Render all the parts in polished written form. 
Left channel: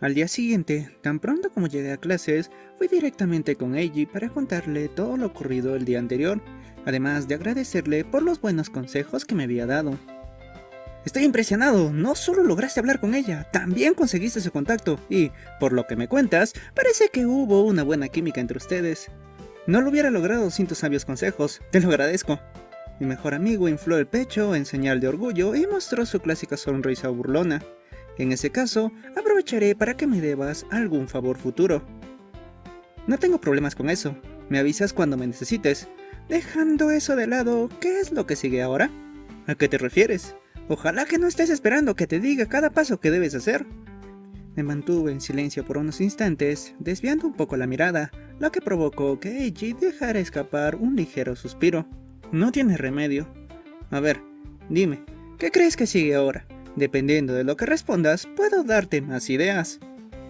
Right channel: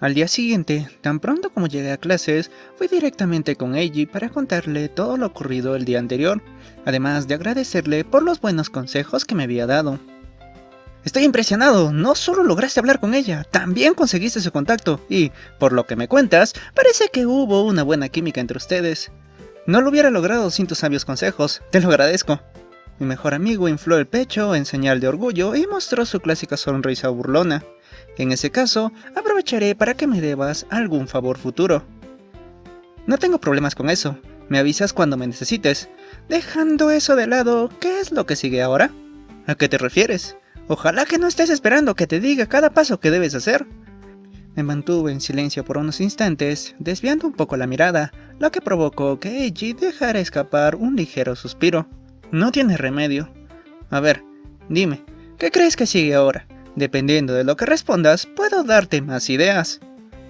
Al día siguiente, tan pronto como llegué a clases, fui directamente con Eiji para contarle todo lo ocurrido el día anterior, además de agradecerle por los buenos consejos que me había dado. Estoy impresionado, no solo lograste hablar con ella, también conseguiste su contacto y, por lo que me cuentas, parece que hubo una buena química entre ustedes. No lo hubiera logrado sin tus sabios consejos, te lo agradezco. Mi mejor amigo infló el pecho en señal de orgullo y mostró su clásica sonrisa burlona. En ese caso, aprovecharé para que me debas algún favor futuro. No tengo problemas con eso, me avisas cuando me necesites. Dejando eso de lado, ¿qué es lo que sigue ahora? ¿A qué te refieres? Ojalá que no estés esperando que te diga cada paso que debes hacer. Me mantuve en silencio por unos instantes, desviando un poco la mirada, lo que provocó que Eiji dejara escapar un ligero suspiro. No tiene remedio. A ver, dime, ¿qué crees que sigue ahora? Dependiendo de lo que respondas, puedo darte más ideas.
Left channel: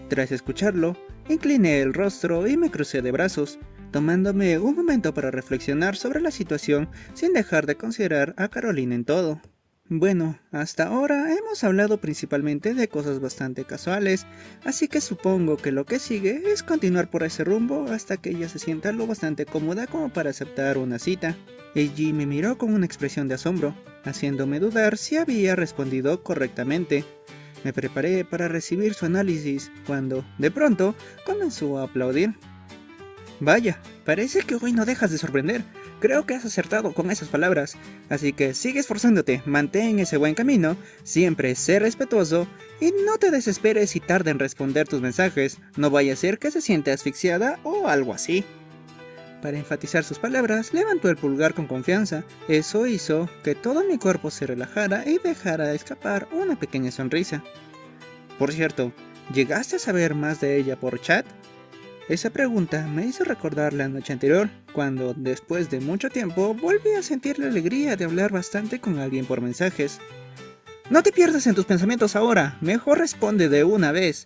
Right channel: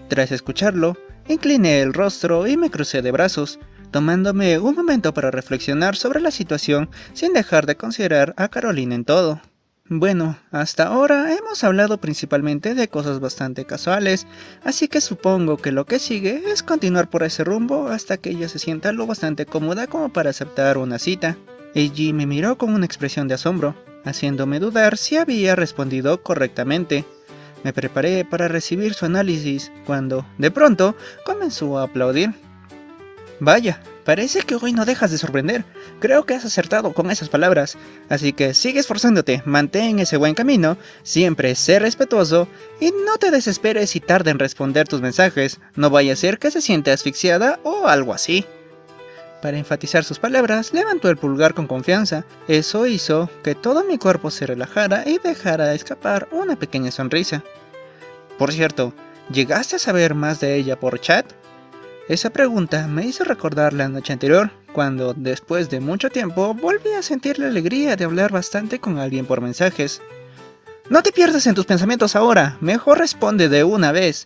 Tras escucharlo, incliné el rostro y me crucé de brazos, tomándome un momento para reflexionar sobre la situación sin dejar de considerar a Carolina en todo. Bueno, hasta ahora hemos hablado principalmente de cosas bastante casuales, así que supongo que lo que sigue es continuar por ese rumbo hasta que ella se sienta lo bastante cómoda como para aceptar una cita. Eiji me miró con una expresión de asombro, haciéndome dudar si había respondido correctamente. Me preparé para recibir su análisis cuando, de pronto, comenzó a aplaudir. Vaya, parece que hoy no dejas de sorprender. Creo que has acertado con esas palabras. Así que sigue esforzándote, mantén ese buen camino, siempre sé respetuoso y no te desesperes si tarda en responder tus mensajes. No vaya a ser que se siente asfixiada o algo así. Para enfatizar sus palabras, levantó el pulgar con confianza. Eso hizo que todo mi cuerpo se relajara y dejara escapar una pequeña sonrisa. Por cierto, ¿llegaste a saber más de ella por chat? Esa pregunta me hizo recordar la noche anterior, cuando, después de mucho tiempo, volví a sentir la alegría de hablar bastante con alguien por mensajes. No te pierdas en tus pensamientos ahora, mejor responde de una vez.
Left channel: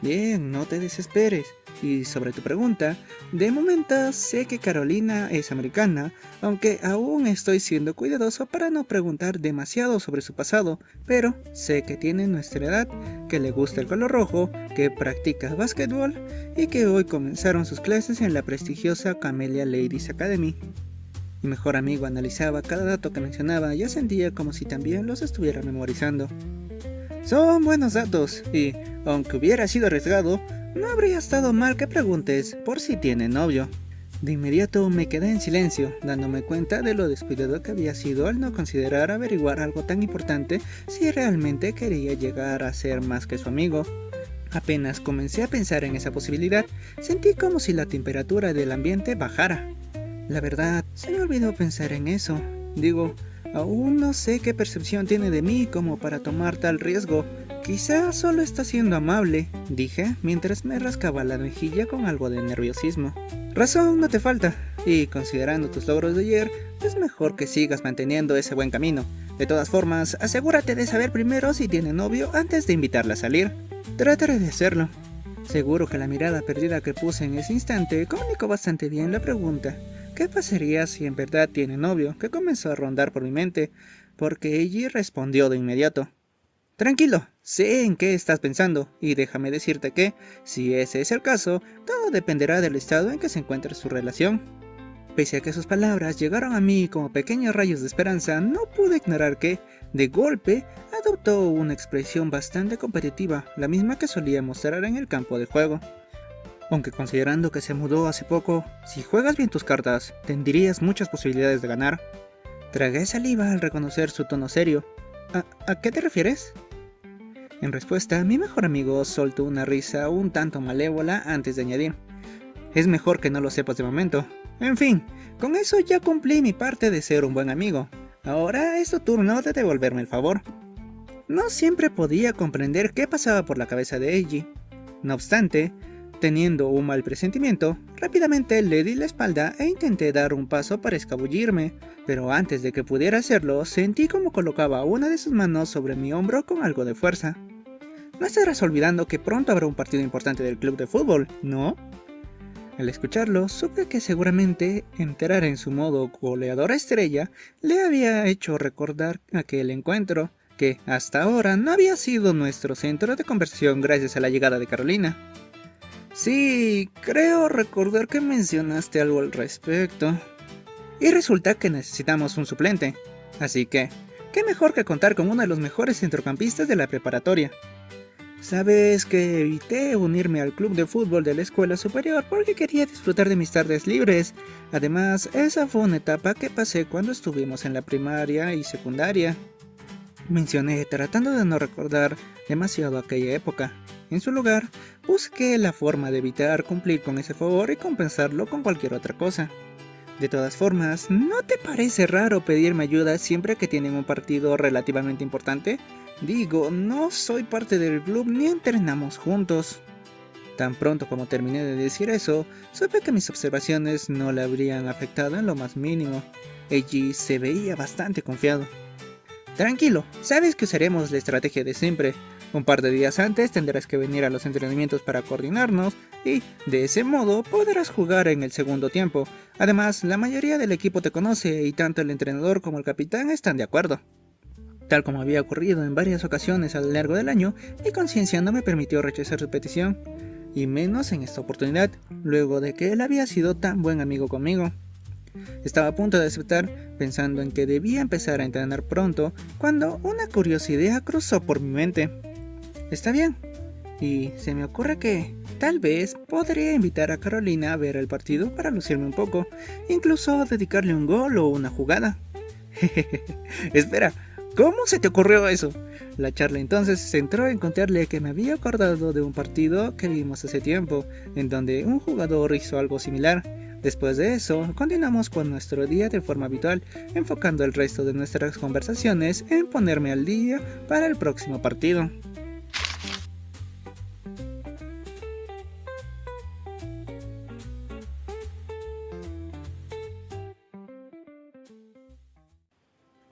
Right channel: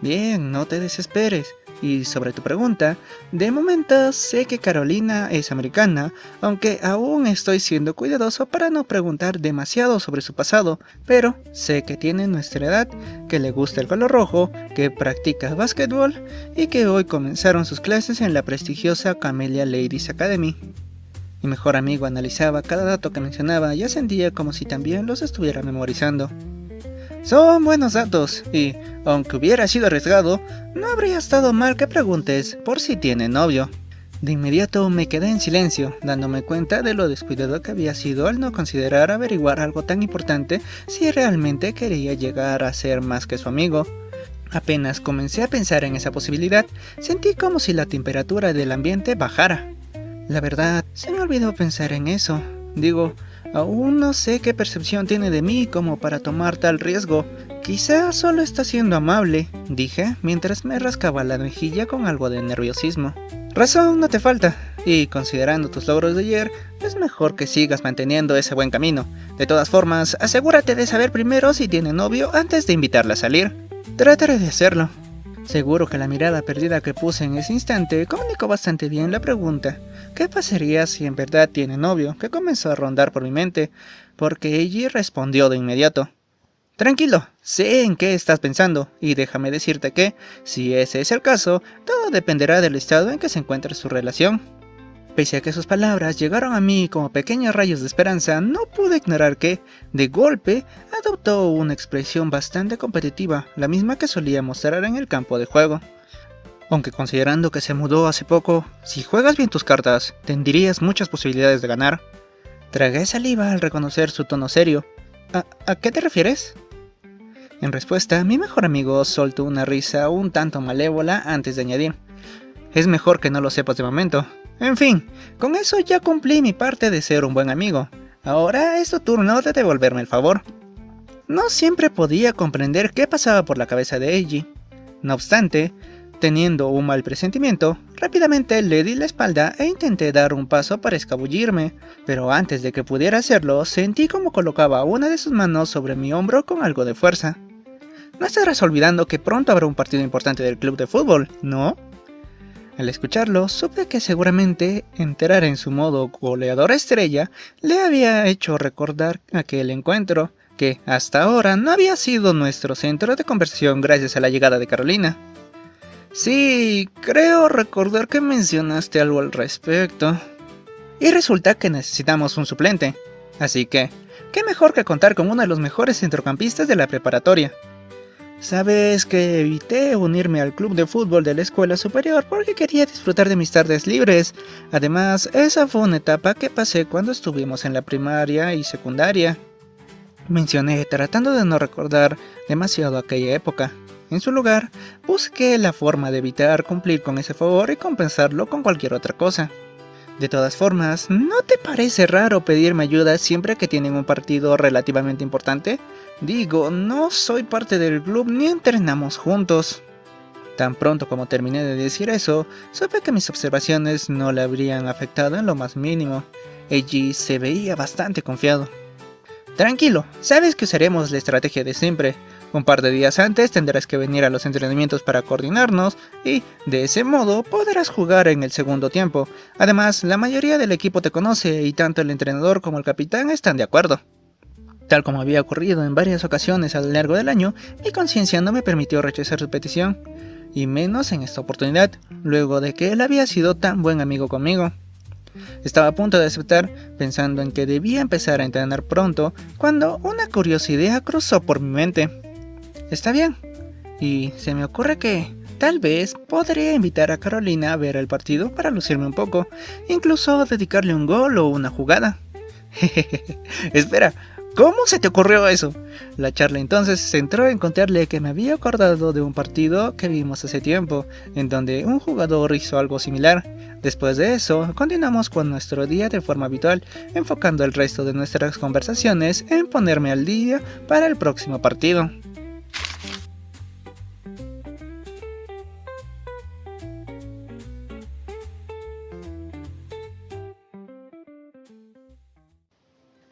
Bien, no te desesperes. Y sobre tu pregunta, de momento sé que Carolina es americana, aunque aún estoy siendo cuidadoso para no preguntar demasiado sobre su pasado, pero sé que tiene nuestra edad, que le gusta el color rojo, que practica básquetbol y que hoy comenzaron sus clases en la prestigiosa Camellia Ladies Academy. Mi mejor amigo analizaba cada dato que mencionaba y sentía como si también los estuviera memorizando. Son buenos datos y, aunque hubiera sido arriesgado, no habría estado mal que preguntes por si tiene novio. De inmediato me quedé en silencio, dándome cuenta de lo descuidado que había sido al no considerar averiguar algo tan importante si realmente quería llegar a ser más que su amigo. Apenas comencé a pensar en esa posibilidad, sentí como si la temperatura del ambiente bajara. La verdad, se me olvidó pensar en eso. Digo, aún no sé qué percepción tiene de mí como para tomar tal riesgo. Quizá solo está siendo amable, dije mientras me rascaba la mejilla con algo de nerviosismo. Razón no te falta, y considerando tus logros de ayer, es mejor que sigas manteniendo ese buen camino. De todas formas, asegúrate de saber primero si tiene novio antes de invitarla a salir. Trataré de hacerlo. Seguro que la mirada perdida que puse en ese instante comunicó bastante bien la pregunta. ¿Qué pasaría si en verdad tiene novio? Que comenzó a rondar por mi mente, porque Eiji respondió de inmediato. Tranquilo, sé en qué estás pensando, y déjame decirte que, si ese es el caso, todo dependerá del estado en que se encuentre su relación. Pese a que sus palabras llegaron a mí como pequeños rayos de esperanza, no pude ignorar que, de golpe, adoptó una expresión bastante competitiva, la misma que solía mostrar en el campo de juego. Aunque considerando que se mudó hace poco, si juegas bien tus cartas, tendrías muchas posibilidades de ganar. Tragué saliva al reconocer su tono serio. ¿A qué te refieres? En respuesta, mi mejor amigo soltó una risa un tanto malévola antes de añadir. Es mejor que no lo sepas de momento. En fin, con eso ya cumplí mi parte de ser un buen amigo. Ahora es tu turno de devolverme el favor. No siempre podía comprender qué pasaba por la cabeza de Eiji. No obstante, teniendo un mal presentimiento, rápidamente le di la espalda e intenté dar un paso para escabullirme, pero antes de que pudiera hacerlo, sentí como colocaba una de sus manos sobre mi hombro con algo de fuerza. No estarás olvidando que pronto habrá un partido importante del club de fútbol, ¿no? Al escucharlo, supe que seguramente entrar en su modo goleador estrella le había hecho recordar aquel encuentro, que hasta ahora no había sido nuestro centro de conversación gracias a la llegada de Carolina. Sí, creo recordar que mencionaste algo al respecto. Y resulta que necesitamos un suplente, así que, ¿qué mejor que contar con uno de los mejores centrocampistas de la preparatoria? Sabes que evité unirme al club de fútbol de la escuela superior porque quería disfrutar de mis tardes libres. Además, esa fue una etapa que pasé cuando estuvimos en la primaria y secundaria. Mencioné tratando de no recordar demasiado aquella época. En su lugar, busqué la forma de evitar cumplir con ese favor y compensarlo con cualquier otra cosa. De todas formas, ¿no te parece raro pedirme ayuda siempre que tienen un partido relativamente importante? Digo, no soy parte del club ni entrenamos juntos. Tan pronto como terminé de decir eso, supe que mis observaciones no le habrían afectado en lo más mínimo. Eiji se veía bastante confiado. Tranquilo, sabes que usaremos la estrategia de siempre. Un par de días antes tendrás que venir a los entrenamientos para coordinarnos y, de ese modo, podrás jugar en el segundo tiempo. Además, la mayoría del equipo te conoce y tanto el entrenador como el capitán están de acuerdo. Tal como había ocurrido en varias ocasiones a lo largo del año, mi conciencia no me permitió rechazar su petición, y menos en esta oportunidad, luego de que él había sido tan buen amigo conmigo. Estaba a punto de aceptar, pensando en que debía empezar a entrenar pronto, cuando una curiosa idea cruzó por mi mente. Está bien, y se me ocurre que tal vez podría invitar a Carolina a ver el partido para lucirme un poco, incluso dedicarle un gol o una jugada. Espera, ¿cómo se te ocurrió eso? La charla entonces se centró en contarle que me había acordado de un partido que vimos hace tiempo, en donde un jugador hizo algo similar. Después de eso, continuamos con nuestro día de forma habitual, enfocando el resto de nuestras conversaciones en ponerme al día para el próximo partido.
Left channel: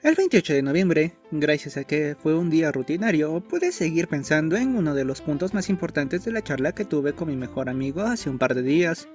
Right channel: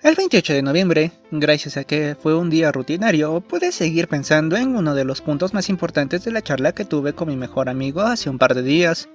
El 28 de noviembre, gracias a que fue un día rutinario, pude seguir pensando en uno de los puntos más importantes de la charla que tuve con mi mejor amigo hace un par de días.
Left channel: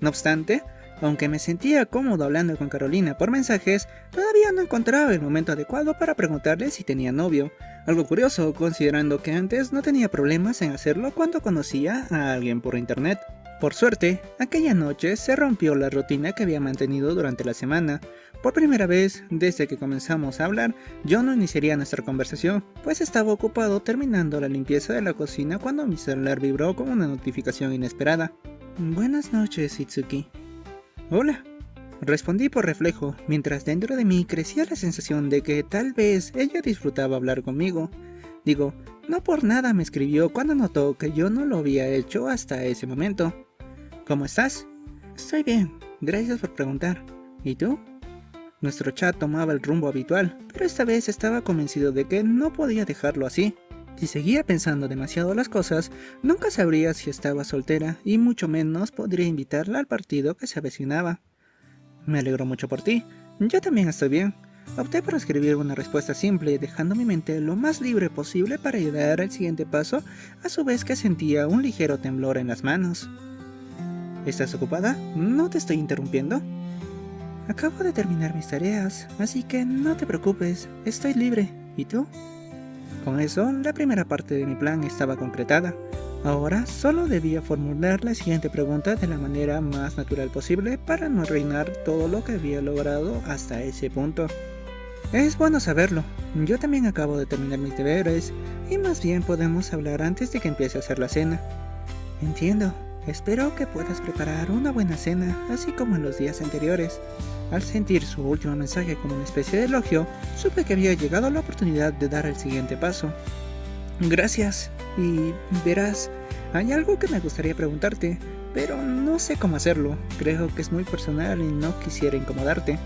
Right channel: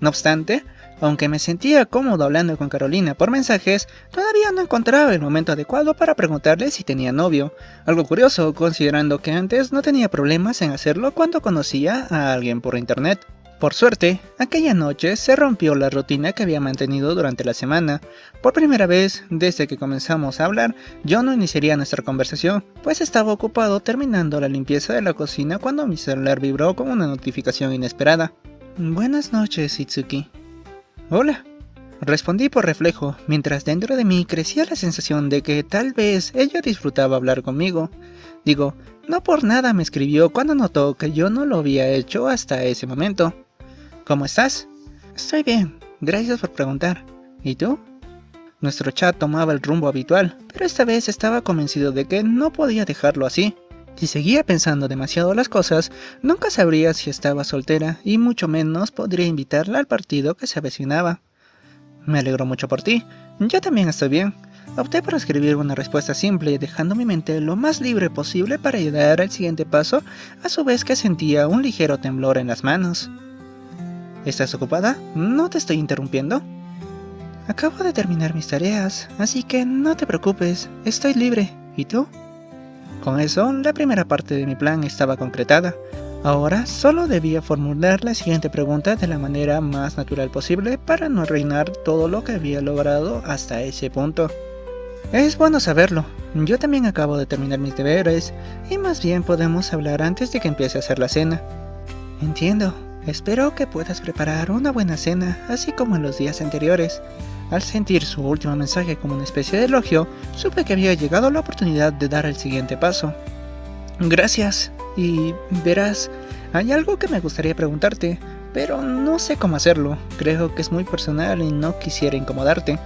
No obstante, aunque me sentía cómodo hablando con Carolina por mensajes, todavía no encontraba el momento adecuado para preguntarle si tenía novio. Algo curioso, considerando que antes no tenía problemas en hacerlo cuando conocía a alguien por internet. Por suerte, aquella noche se rompió la rutina que había mantenido durante la semana. Por primera vez, desde que comenzamos a hablar, yo no iniciaría nuestra conversación, pues estaba ocupado terminando la limpieza de la cocina cuando mi celular vibró con una notificación inesperada. Buenas noches, Itsuki. Hola. Respondí por reflejo, mientras dentro de mí crecía la sensación de que tal vez ella disfrutaba hablar conmigo. Digo, no por nada me escribió cuando notó que yo no lo había hecho hasta ese momento. ¿Cómo estás? Estoy bien, gracias por preguntar. ¿Y tú? Nuestro chat tomaba el rumbo habitual, pero esta vez estaba convencido de que no podía dejarlo así. Si seguía pensando demasiado las cosas, nunca sabría si estaba soltera y mucho menos podría invitarla al partido que se avecinaba. Me alegro mucho por ti, yo también estoy bien. Opté por escribir una respuesta simple, dejando mi mente lo más libre posible para ayudar al siguiente paso, a su vez que sentía un ligero temblor en las manos. ¿Estás ocupada? ¿No te estoy interrumpiendo? Acabo de terminar mis tareas, así que no te preocupes, estoy libre. ¿Y tú? Con eso, la primera parte de mi plan estaba concretada. Ahora solo debía formular la siguiente pregunta de la manera más natural posible para no arruinar todo lo que había logrado hasta ese punto. Es bueno saberlo, yo también acabo de terminar mis deberes y más bien podemos hablar antes de que empiece a hacer la cena. Entiendo, espero que puedas preparar una buena cena, así como en los días anteriores. Al sentir su último mensaje como una especie de elogio, supe que había llegado la oportunidad de dar el siguiente paso. Gracias, y verás, hay algo que me gustaría preguntarte, pero no sé cómo hacerlo, creo que es muy personal y no quisiera incomodarte.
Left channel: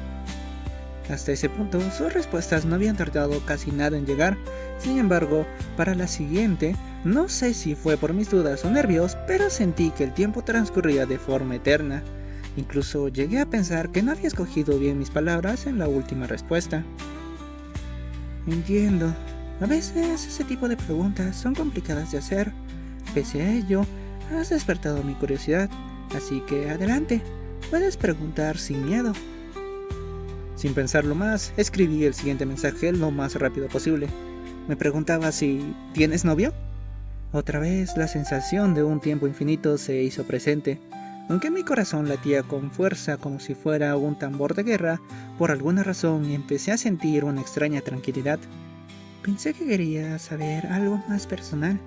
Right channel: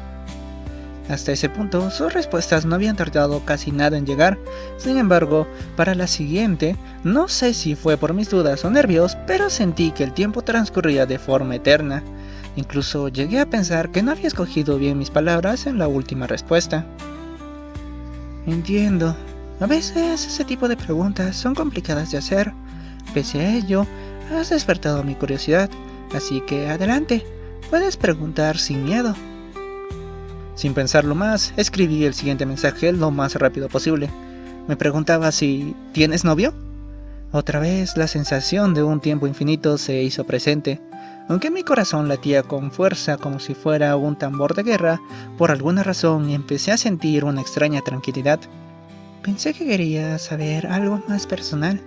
Hasta ese punto, sus respuestas no habían tardado casi nada en llegar. Sin embargo, para la siguiente, no sé si fue por mis dudas o nervios, pero sentí que el tiempo transcurría de forma eterna. Incluso llegué a pensar que no había escogido bien mis palabras en la última respuesta. Entiendo. A veces ese tipo de preguntas son complicadas de hacer. Pese a ello, has despertado mi curiosidad, así que adelante, puedes preguntar sin miedo. Sin pensarlo más, escribí el siguiente mensaje lo más rápido posible. Me preguntaba si ¿tienes novio? Otra vez la sensación de un tiempo infinito se hizo presente. Aunque mi corazón latía con fuerza como si fuera un tambor de guerra, por alguna razón empecé a sentir una extraña tranquilidad. Pensé que quería saber algo más personal.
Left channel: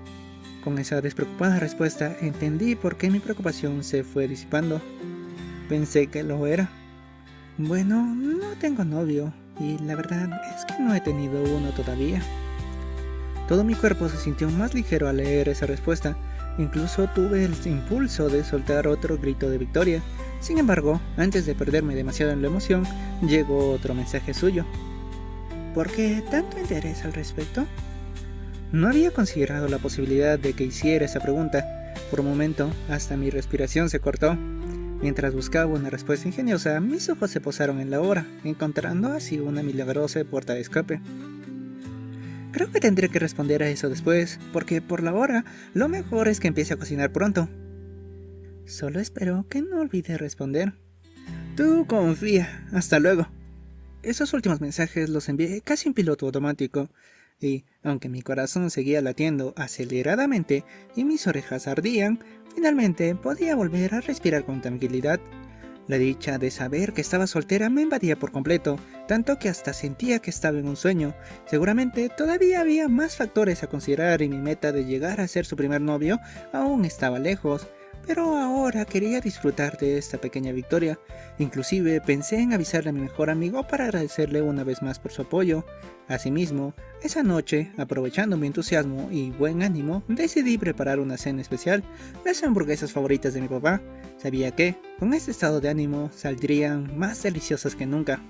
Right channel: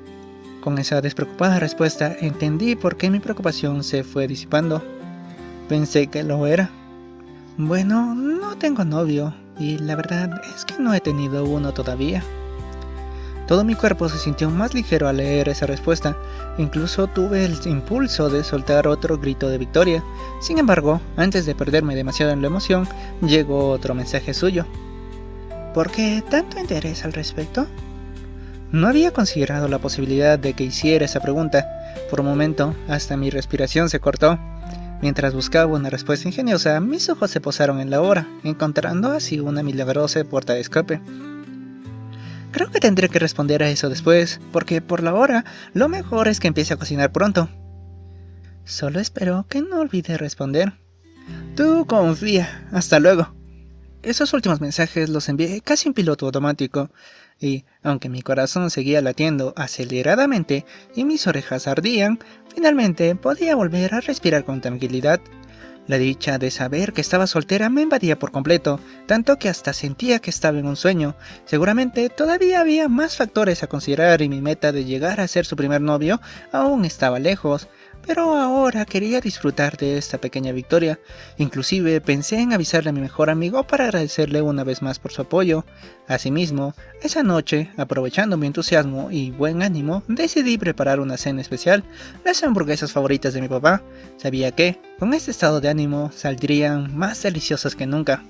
Con esa despreocupada respuesta entendí por qué mi preocupación se fue disipando. Pensé que lo era. Bueno, no tengo novio, y la verdad es que no he tenido uno todavía. Todo mi cuerpo se sintió más ligero al leer esa respuesta. Incluso tuve el impulso de soltar otro grito de victoria. Sin embargo, antes de perderme demasiado en la emoción, llegó otro mensaje suyo. ¿Por qué tanto interés al respecto? No había considerado la posibilidad de que hiciera esa pregunta. Por un momento, hasta mi respiración se cortó. Mientras buscaba una respuesta ingeniosa, mis ojos se posaron en la hora, encontrando así una milagrosa puerta de escape. Creo que tendré que responder a eso después, porque por la hora, lo mejor es que empiece a cocinar pronto. Solo espero que no olvide responder. Tú confía. Hasta luego. Esos últimos mensajes los envié casi en piloto automático, y aunque mi corazón seguía latiendo aceleradamente y mis orejas ardían, finalmente podía volver a respirar con tranquilidad. La dicha de saber que estaba soltera me invadía por completo, tanto que hasta sentía que estaba en un sueño. Seguramente todavía había más factores a considerar y mi meta de llegar a ser su primer novio aún estaba lejos. Pero ahora quería disfrutar de esta pequeña victoria. Inclusive pensé en avisarle a mi mejor amigo para agradecerle una vez más por su apoyo. Asimismo, esa noche, aprovechando mi entusiasmo y buen ánimo, decidí preparar una cena especial, las hamburguesas favoritas de mi papá. Sabía que, con este estado de ánimo, saldrían más deliciosas que nunca.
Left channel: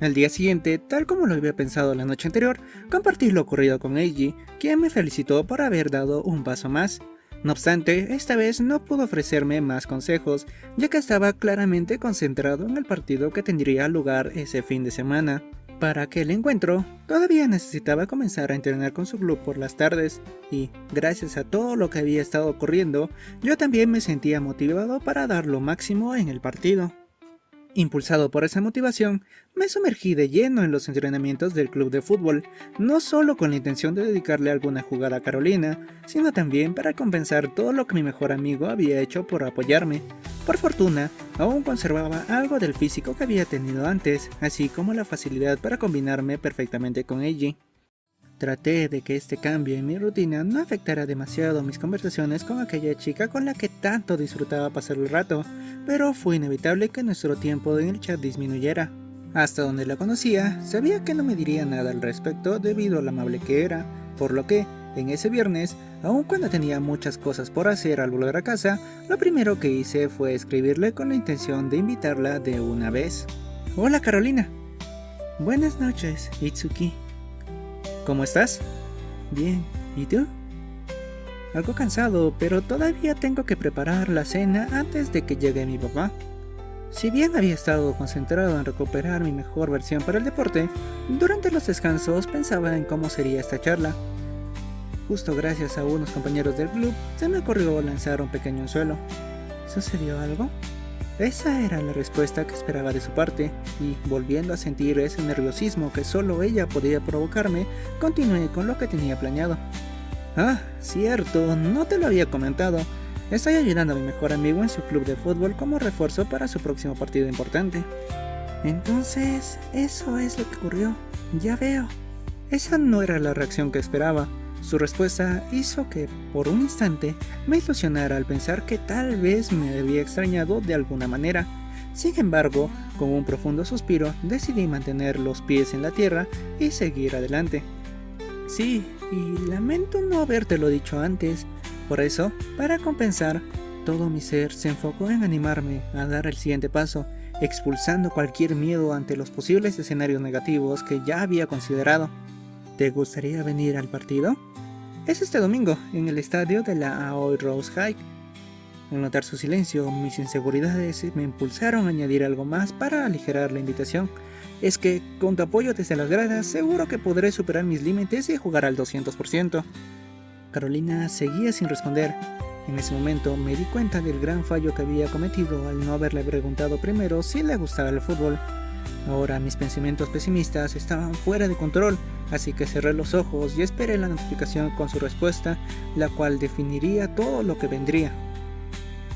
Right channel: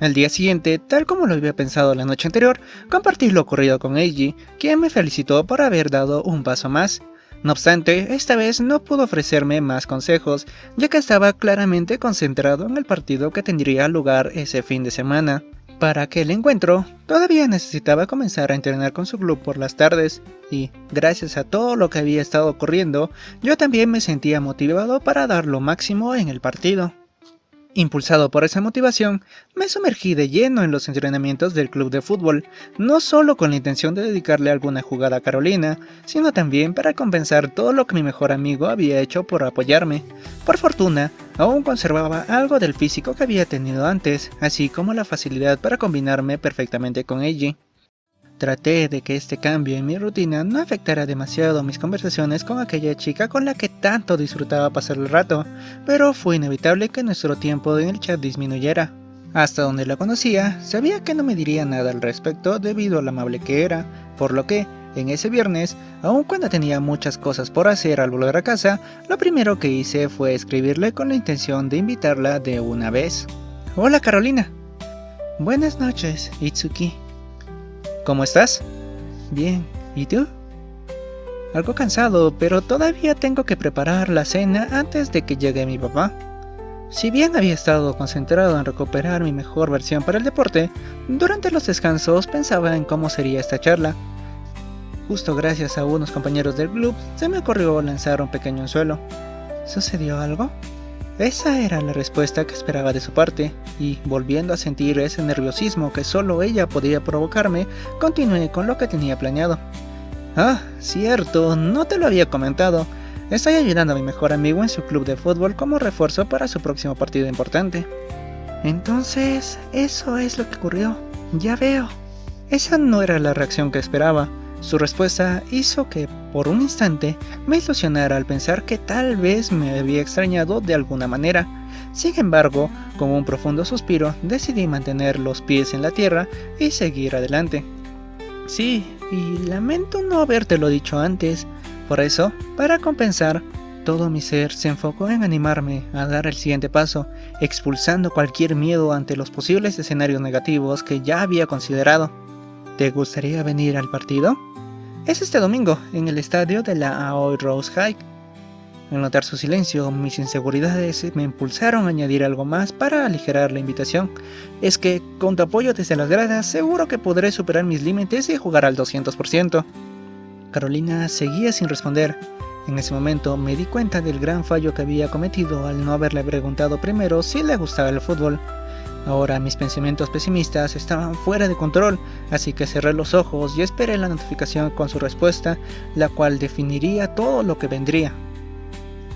Al día siguiente, tal como lo había pensado la noche anterior, compartí lo ocurrido con Eiji, quien me felicitó por haber dado un paso más. No obstante, esta vez no pudo ofrecerme más consejos, ya que estaba claramente concentrado en el partido que tendría lugar ese fin de semana. Para aquel encuentro, todavía necesitaba comenzar a entrenar con su club por las tardes, y gracias a todo lo que había estado ocurriendo, yo también me sentía motivado para dar lo máximo en el partido. Impulsado por esa motivación, me sumergí de lleno en los entrenamientos del club de fútbol, no solo con la intención de dedicarle alguna jugada a Carolina, sino también para compensar todo lo que mi mejor amigo había hecho por apoyarme. Por fortuna, aún conservaba algo del físico que había tenido antes, así como la facilidad para combinarme perfectamente con Eiji. Traté de que este cambio en mi rutina no afectara demasiado mis conversaciones con aquella chica con la que tanto disfrutaba pasar el rato, pero fue inevitable que nuestro tiempo en el chat disminuyera. Hasta donde la conocía, sabía que no me diría nada al respecto debido a lo amable que era, por lo que, en ese viernes, aun cuando tenía muchas cosas por hacer al volver a casa, lo primero que hice fue escribirle con la intención de invitarla de una vez. Hola Carolina. Buenas noches, Itsuki. ¿Cómo estás? Bien, ¿y tú? Algo cansado, pero todavía tengo que preparar la cena antes de que llegue mi papá. Si bien había estado concentrado en recuperar mi mejor versión para el deporte, durante los descansos pensaba en cómo sería esta charla. Justo gracias a unos compañeros del club, se me ocurrió lanzar un pequeño anzuelo. ¿Sucedió algo? Esa era la respuesta que esperaba de su parte, y volviendo a sentir ese nerviosismo que solo ella podía provocarme, continué con lo que tenía planeado. Ah, cierto, no te lo había comentado. Estoy ayudando a mi mejor amigo en su club de fútbol como refuerzo para su próximo partido importante. Entonces, eso es lo que ocurrió. Ya veo. Esa no era la reacción que esperaba. Su respuesta hizo que, por un instante, me ilusionara al pensar que tal vez me había extrañado de alguna manera. Sin embargo, con un profundo suspiro, decidí mantener los pies en la tierra y seguir adelante. Sí, y lamento no habértelo dicho antes. Por eso, para compensar, todo mi ser se enfocó en animarme a dar el siguiente paso, expulsando cualquier miedo ante los posibles escenarios negativos que ya había considerado. ¿Te gustaría venir al partido? Es este domingo, en el estadio de la Aoi Rose High. Al notar su silencio, mis inseguridades me impulsaron a añadir algo más para aligerar la invitación. Es que, con tu apoyo desde las gradas, seguro que podré superar mis límites y jugar al 200%. Carolina seguía sin responder. En ese momento me di cuenta del gran fallo que había cometido al no haberle preguntado primero si le gustaba el fútbol. Ahora mis pensamientos pesimistas estaban fuera de control, así que cerré los ojos y esperé la notificación con su respuesta, la cual definiría todo lo que vendría.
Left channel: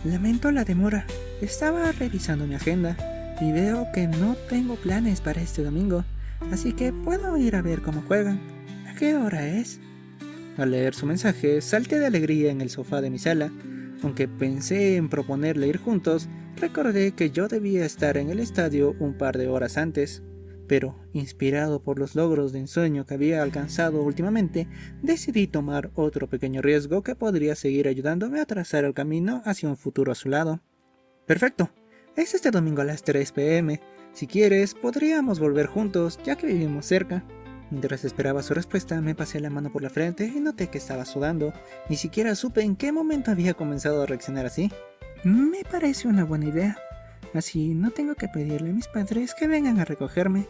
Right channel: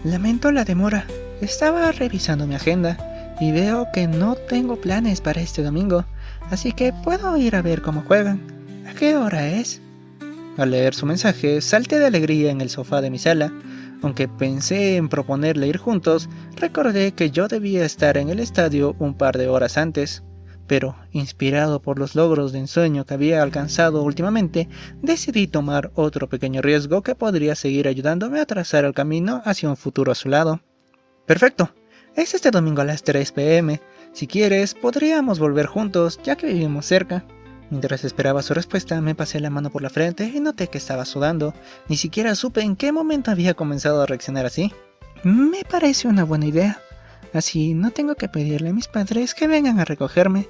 Lamento la demora. Estaba revisando mi agenda y veo que no tengo planes para este domingo, así que puedo ir a ver cómo juegan. ¿A qué hora es? Al leer su mensaje, salté de alegría en el sofá de mi sala. Aunque pensé en proponerle ir juntos, recordé que yo debía estar en el estadio un par de horas antes. Pero, inspirado por los logros de ensueño que había alcanzado últimamente, decidí tomar otro pequeño riesgo que podría seguir ayudándome a trazar el camino hacia un futuro a su lado. Perfecto, es este domingo a las 3 p.m. Si quieres, podríamos volver juntos, ya que vivimos cerca. Mientras esperaba su respuesta, me pasé la mano por la frente y noté que estaba sudando. Ni siquiera supe en qué momento había comenzado a reaccionar así. Me parece una buena idea. Así no tengo que pedirle a mis padres que vengan a recogerme.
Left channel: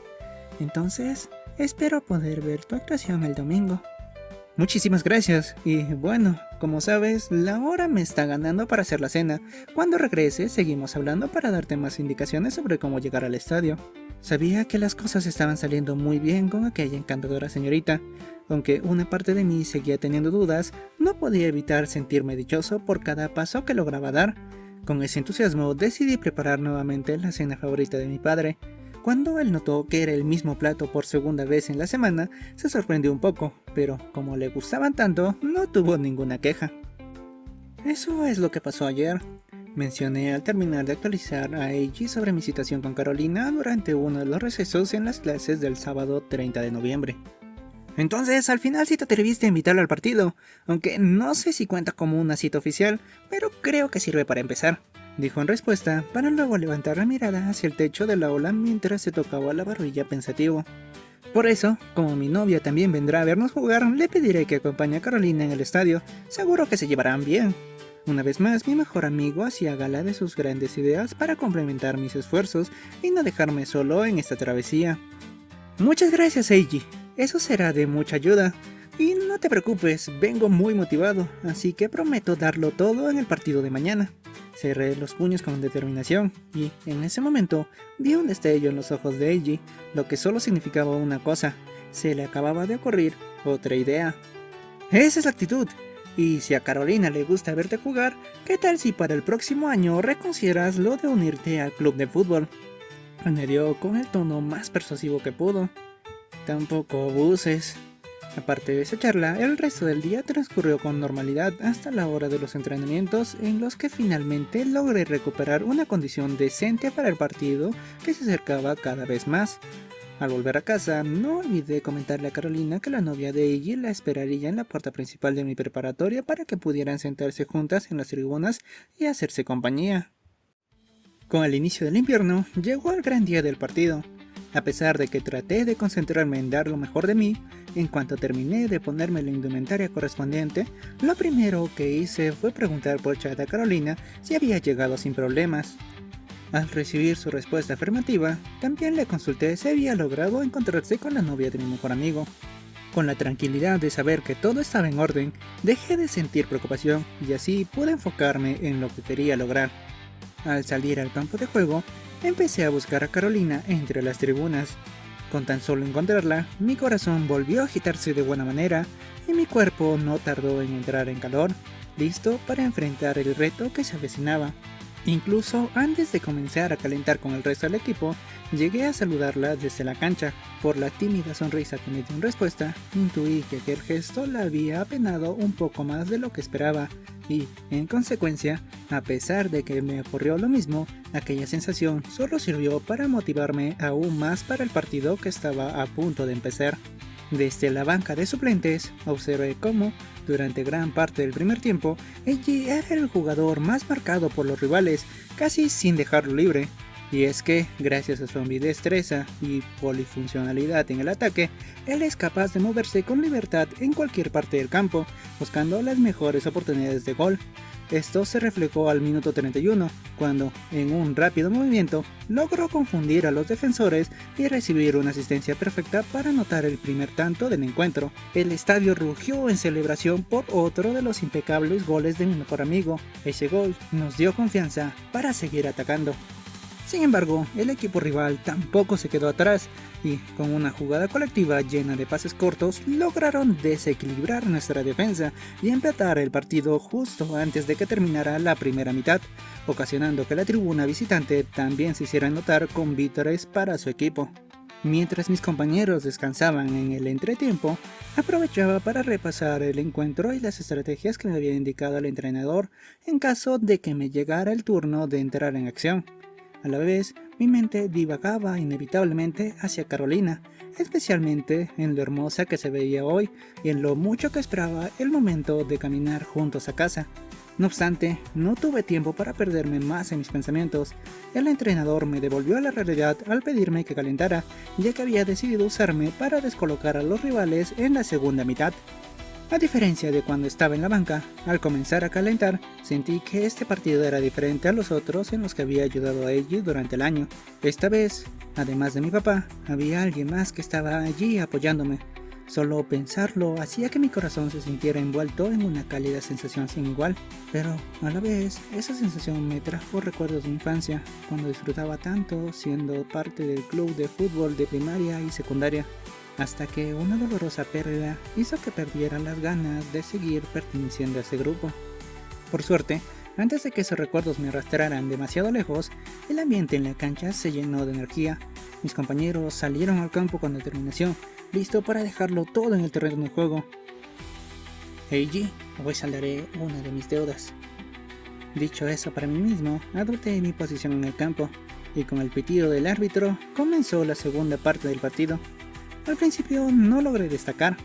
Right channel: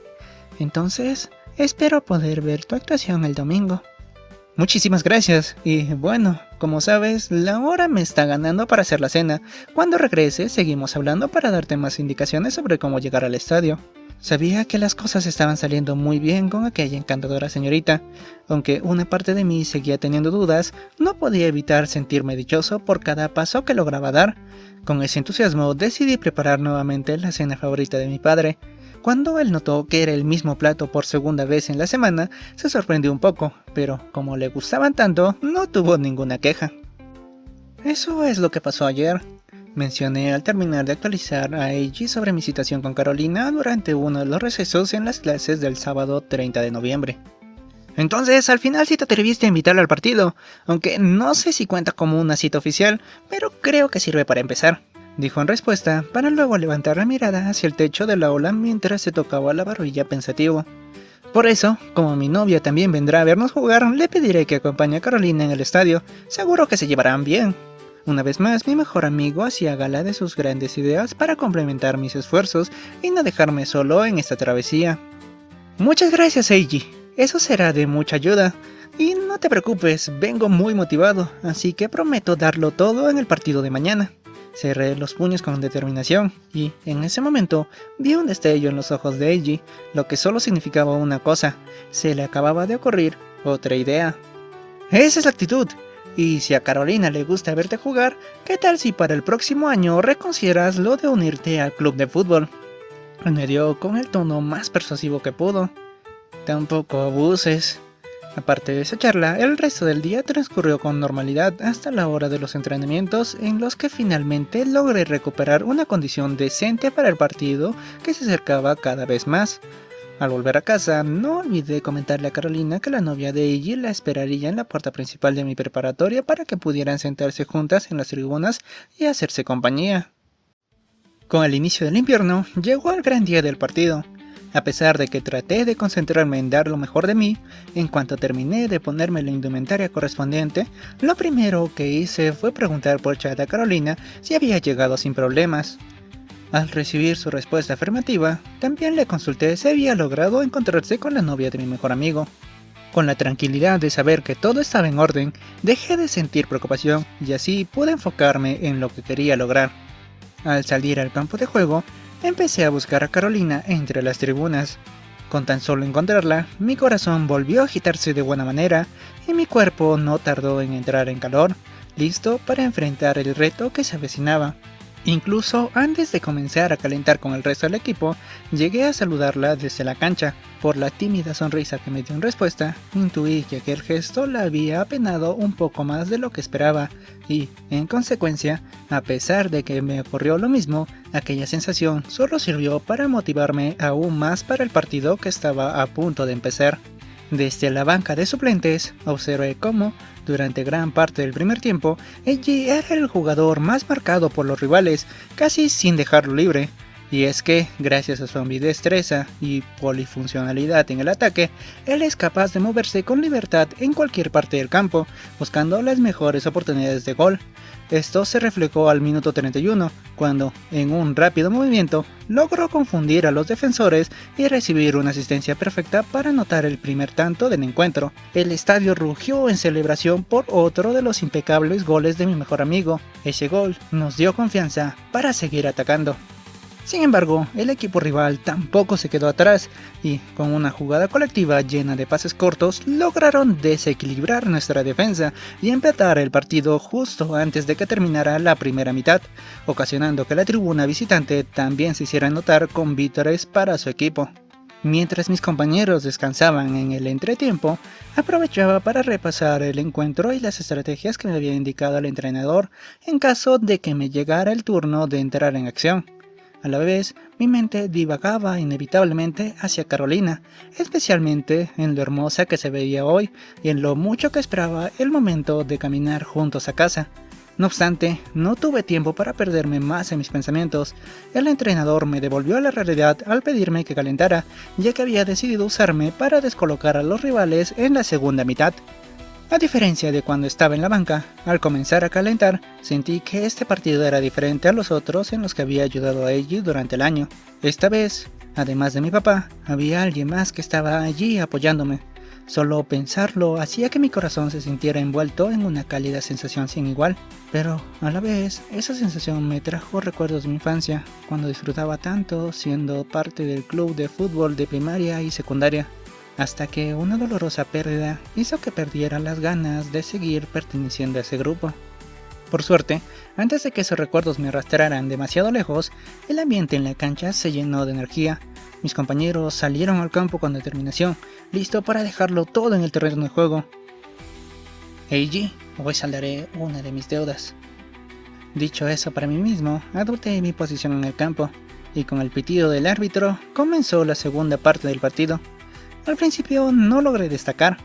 Entonces, espero poder ver tu actuación el domingo. Muchísimas gracias. Y bueno, como sabes, la hora me está ganando para hacer la cena. Cuando regrese, seguimos hablando para darte más indicaciones sobre cómo llegar al estadio. Sabía que las cosas estaban saliendo muy bien con aquella encantadora señorita. Aunque una parte de mí seguía teniendo dudas, no podía evitar sentirme dichoso por cada paso que lograba dar. Con ese entusiasmo decidí preparar nuevamente la cena favorita de mi padre. Cuando él notó que era el mismo plato por segunda vez en la semana, se sorprendió un poco, pero como le gustaban tanto, no tuvo ninguna queja. Eso es lo que pasó ayer. Mencioné al terminar de actualizar a Eiji sobre mi situación con Carolina durante uno de los recesos en las clases del sábado 30 de noviembre. Entonces, al final sí te atreviste a invitarla al partido, aunque no sé si cuenta como una cita oficial, pero creo que sirve para empezar, dijo en respuesta, para luego levantar la mirada hacia el techo del aula mientras se tocaba la barbilla pensativo. Por eso, como mi novia también vendrá a vernos jugar, le pediré que acompañe a Carolina en el estadio, seguro que se llevarán bien. Una vez más, mi mejor amigo hacía gala de sus grandes ideas para complementar mis esfuerzos y no dejarme solo en esta travesía. Muchas gracias, Eiji. Eso será de mucha ayuda. Y no te preocupes, vengo muy motivado, así que prometo darlo todo en el partido de mañana. Cerré los puños con determinación y, en ese momento, vi un destello en los ojos de Eiji, lo que solo significaba una cosa: se le acababa de ocurrir otra idea. ¡Esa es la actitud! Y si a Carolina le gusta verte jugar, ¿qué tal si para el próximo año reconsideras lo de unirte al club de fútbol? Añadió con el tono más persuasivo que pudo. Tampoco abuses. Aparte de esa charla, el resto del día transcurrió con normalidad hasta la hora de los entrenamientos, en los que finalmente logré recuperar una condición decente para el partido que se acercaba cada vez más. Al volver a casa, no olvidé comentarle a Carolina que la novia de Eiji la esperaría en la puerta principal de mi preparatoria para que pudieran sentarse juntas en las tribunas y hacerse compañía. Con el inicio del invierno, llegó el gran día del partido. A pesar de que traté de concentrarme en dar lo mejor de mí, en cuanto terminé de ponerme la indumentaria correspondiente, lo primero que hice fue preguntar por chat a Carolina si había llegado sin problemas. Al recibir su respuesta afirmativa, también le consulté si había logrado encontrarse con la novia de mi mejor amigo. Con la tranquilidad de saber que todo estaba en orden, dejé de sentir preocupación y así pude enfocarme en lo que quería lograr. Al salir al campo de juego, empecé a buscar a Carolina entre las tribunas. Con tan solo encontrarla, mi corazón volvió a agitarse de buena manera y mi cuerpo no tardó en entrar en calor, listo para enfrentar el reto que se avecinaba. Incluso antes de comenzar a calentar con el resto del equipo, llegué a saludarla desde la cancha. Por la tímida sonrisa que me dio en respuesta, intuí que aquel gesto la había apenado un poco más de lo que esperaba y, en consecuencia, a pesar de que me ocurrió lo mismo, aquella sensación solo sirvió para motivarme aún más para el partido que estaba a punto de empezar. Desde la banca de suplentes, observé cómo, durante gran parte del primer tiempo, Eiji era el jugador más marcado por los rivales, casi sin dejarlo libre. Y es que, gracias a su ambidestreza y polifuncionalidad en el ataque, él es capaz de moverse con libertad en cualquier parte del campo, buscando las mejores oportunidades de gol. Esto se reflejó al minuto 31, cuando, en un rápido movimiento, logró confundir a los defensores y recibir una asistencia perfecta para anotar el primer tanto del encuentro. El estadio rugió en celebración por otro de los impecables goles de mi mejor amigo. Ese gol nos dio confianza para seguir atacando. Sin embargo, el equipo rival tampoco se quedó atrás y, con una jugada colectiva llena de pases cortos, lograron desequilibrar nuestra defensa y empatar el partido justo antes de que terminara la primera mitad, ocasionando que la tribuna visitante también se hiciera notar con vítores para su equipo. Mientras mis compañeros descansaban en el entretiempo, aprovechaba para repasar el encuentro y las estrategias que me había indicado el entrenador en caso de que me llegara el turno de entrar en acción. A la vez, mi mente divagaba inevitablemente hacia Carolina, especialmente en lo hermosa que se veía hoy y en lo mucho que esperaba el momento de caminar juntos a casa. No obstante, no tuve tiempo para perderme más en mis pensamientos. El entrenador me devolvió a la realidad al pedirme que calentara, ya que había decidido usarme para descolocar a los rivales en la segunda mitad. A diferencia de cuando estaba en la banca, al comenzar a calentar, sentí que este partido era diferente a los otros en los que había ayudado a Eiji durante el año. Esta vez, además de mi papá, había alguien más que estaba allí apoyándome. Solo pensarlo hacía que mi corazón se sintiera envuelto en una cálida sensación sin igual, pero a la vez esa sensación me trajo recuerdos de mi infancia, cuando disfrutaba tanto siendo parte del club de fútbol de primaria y secundaria, hasta que una dolorosa pérdida hizo que perdiera las ganas de seguir perteneciendo a ese grupo. Por suerte, antes de que esos recuerdos me arrastraran demasiado lejos, el ambiente en la cancha se llenó de energía. Mis compañeros salieron al campo con determinación, listo para dejarlo todo en el terreno de juego. Eiji, hoy saldaré una de mis deudas. Dicho eso para mí mismo, adopté mi posición en el campo, y con el pitido del árbitro comenzó la segunda parte del partido. Al principio no logré destacar.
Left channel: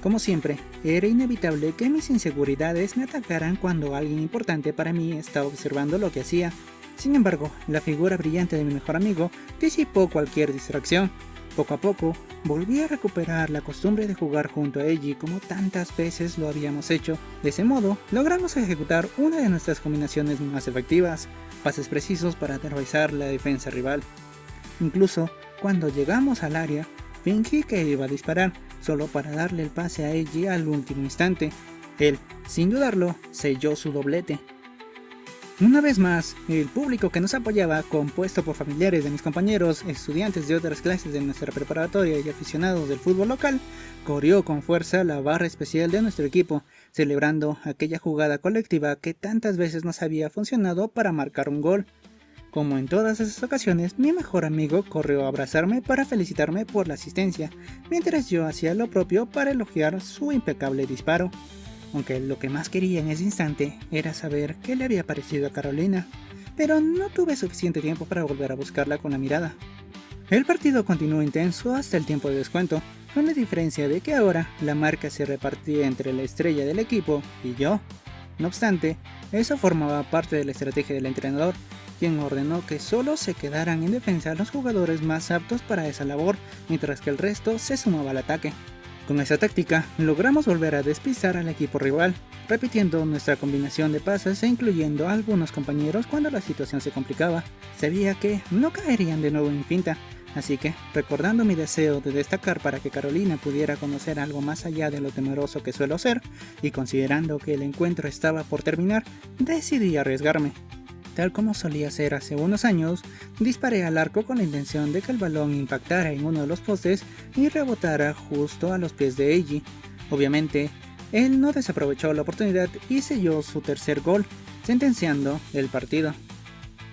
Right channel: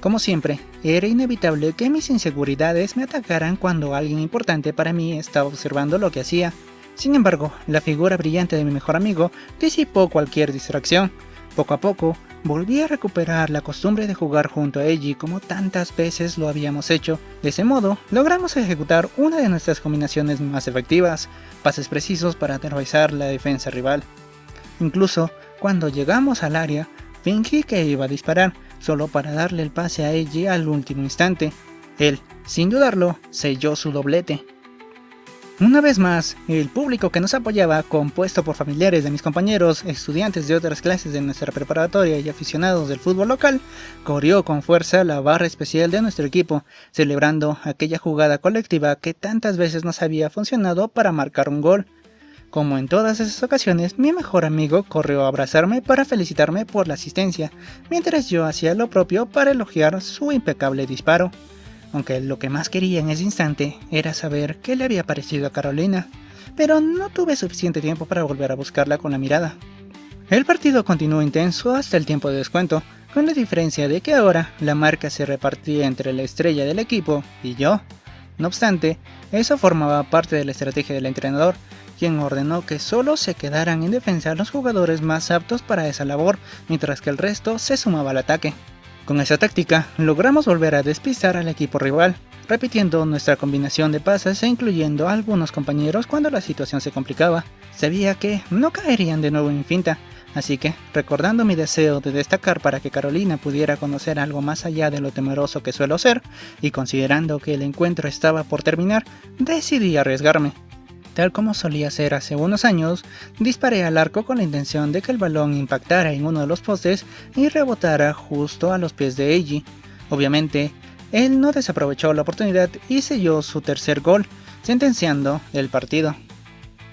Como siempre, era inevitable que mis inseguridades me atacaran cuando alguien importante para mí estaba observando lo que hacía. Sin embargo, la figura brillante de mi mejor amigo disipó cualquier distracción. Poco a poco, volví a recuperar la costumbre de jugar junto a Eiji como tantas veces lo habíamos hecho. De ese modo, logramos ejecutar una de nuestras combinaciones más efectivas, pases precisos para aterrorizar la defensa rival. Incluso, cuando llegamos al área, fingí que iba a disparar, solo para darle el pase a Eiji al último instante. Él, sin dudarlo, selló su doblete. Una vez más, el público que nos apoyaba, compuesto por familiares de mis compañeros, estudiantes de otras clases de nuestra preparatoria y aficionados del fútbol local, corrió con fuerza la barra especial de nuestro equipo, celebrando aquella jugada colectiva que tantas veces nos había funcionado para marcar un gol. Como en todas esas ocasiones, mi mejor amigo corrió a abrazarme para felicitarme por la asistencia, mientras yo hacía lo propio para elogiar su impecable disparo. Aunque lo que más quería en ese instante era saber qué le había parecido a Carolina, pero no tuve suficiente tiempo para volver a buscarla con la mirada. El partido continuó intenso hasta el tiempo de descuento, con la diferencia de que ahora la marca se repartía entre la estrella del equipo y yo. No obstante, eso formaba parte de la estrategia del entrenador, quien ordenó que solo se quedaran en defensa los jugadores más aptos para esa labor, mientras que el resto se sumaba al ataque. Con esa táctica, logramos volver a despistar al equipo rival, repitiendo nuestra combinación de pases e incluyendo a algunos compañeros cuando la situación se complicaba. Sabía que no caerían de nuevo en finta, así que, recordando mi deseo de destacar para que Carolina pudiera conocer algo más allá de lo temeroso que suelo ser, y considerando que el encuentro estaba por terminar, decidí arriesgarme. Tal como solía hacer hace unos años, disparé al arco con la intención de que el balón impactara en uno de los postes y rebotara justo a los pies de Eiji. Obviamente, él no desaprovechó la oportunidad y selló su tercer gol, sentenciando el partido.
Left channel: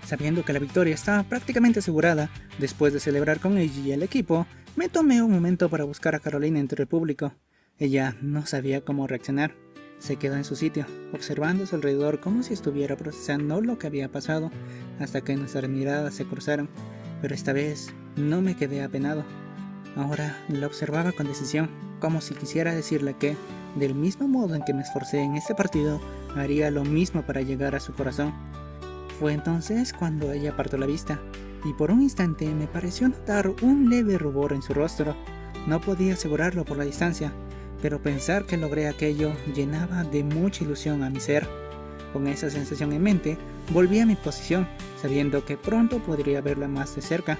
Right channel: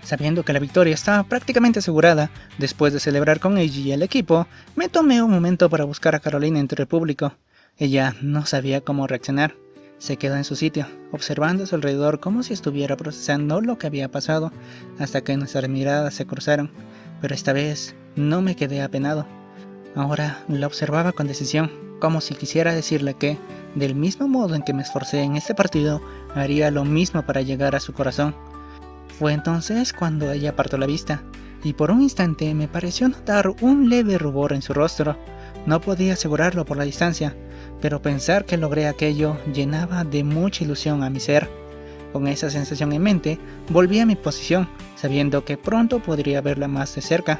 Sabiendo que la victoria estaba prácticamente asegurada, después de celebrar con Eiji y el equipo, me tomé un momento para buscar a Carolina entre el público. Ella no sabía cómo reaccionar. Se quedó en su sitio, observando a su alrededor como si estuviera procesando lo que había pasado, hasta que nuestras miradas se cruzaron, pero esta vez no me quedé apenado. Ahora la observaba con decisión, como si quisiera decirle que, del mismo modo en que me esforcé en este partido, haría lo mismo para llegar a su corazón. Fue entonces cuando ella apartó la vista, y por un instante me pareció notar un leve rubor en su rostro. No podía asegurarlo por la distancia, pero pensar que logré aquello llenaba de mucha ilusión a mi ser. Con esa sensación en mente, volví a mi posición, sabiendo que pronto podría verla más de cerca.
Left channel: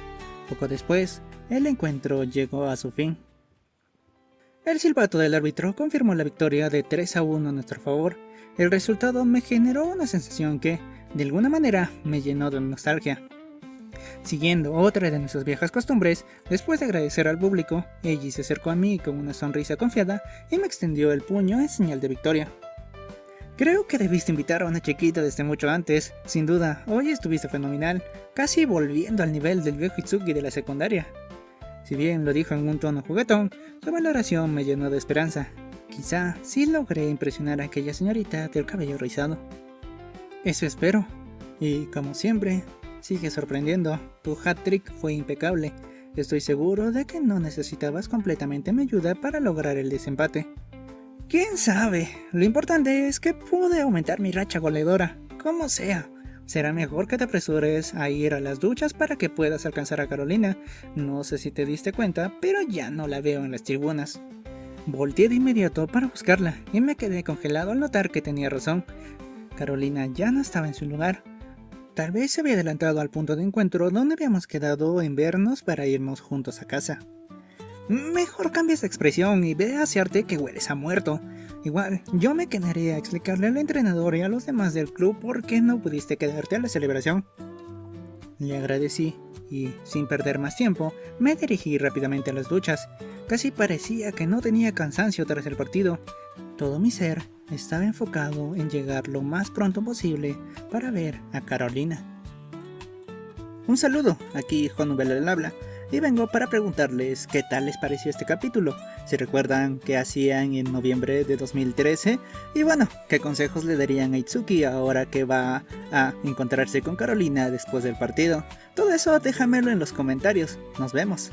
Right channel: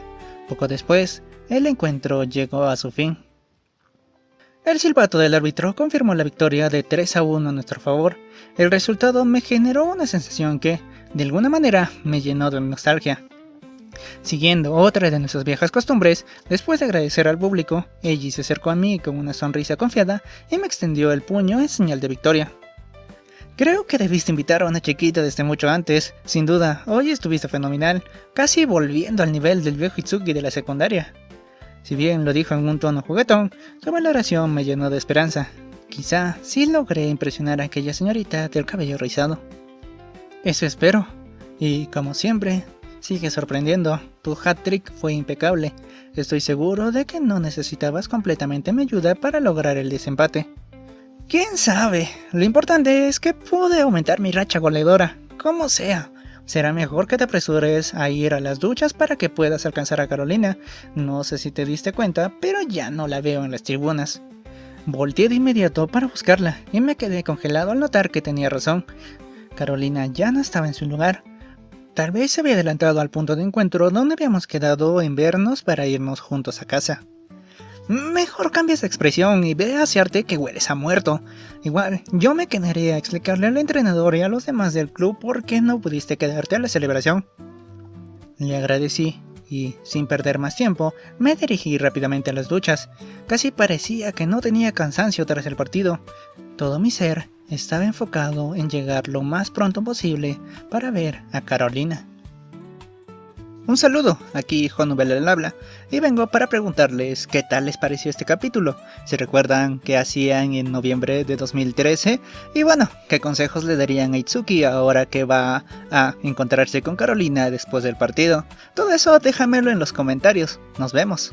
Poco después, el encuentro llegó a su fin. El silbato del árbitro confirmó la victoria de 3-1 a nuestro favor. El resultado me generó una sensación que, de alguna manera, me llenó de nostalgia. Siguiendo otra de nuestras viejas costumbres, después de agradecer al público, Eiji se acercó a mí con una sonrisa confiada y me extendió el puño en señal de victoria. Creo que debiste invitar a una chiquita desde mucho antes. Sin duda, hoy estuviste fenomenal, casi volviendo al nivel del viejo Itsuki de la secundaria. Si bien lo dijo en un tono juguetón, su valoración me llenó de esperanza. Quizá sí logré impresionar a aquella señorita del cabello rizado. Eso espero. Y como siempre, sigue sorprendiendo. Tu hat-trick fue impecable. Estoy seguro de que no necesitabas completamente mi ayuda para lograr el desempate. ¿Quién sabe? Lo importante es que pude aumentar mi racha goleadora, como sea. Será mejor que te apresures a ir a las duchas para que puedas alcanzar a Carolina. No sé si te diste cuenta, pero ya no la veo en las tribunas. Volteé de inmediato para buscarla y me quedé congelado al notar que tenía razón. Carolina ya no estaba en su lugar. Tal vez se había adelantado al punto de encuentro donde habíamos quedado en vernos para irnos juntos a casa. Mejor cambies de expresión y ve a asearte que hueles a muerto. Igual, yo me quedaré a explicarle al entrenador y a los demás del club por qué no pudiste quedarte a la celebración. Le agradecí y, sin perder más tiempo, me dirigí rápidamente a las duchas. Casi parecía que no tenía cansancio tras el partido. Todo mi ser estaba enfocado en llegar lo más pronto posible para ver a Carolina. Un saludo, aquí Juan Nubel al habla, y vengo para preguntarles qué tal les pareció este capítulo, si recuerdan qué hacían en noviembre de 2013, y bueno, qué consejos le darían a Itsuki ahora que va a encontrarse con Carolina después del partido. Todo eso déjamelo en los comentarios, nos vemos.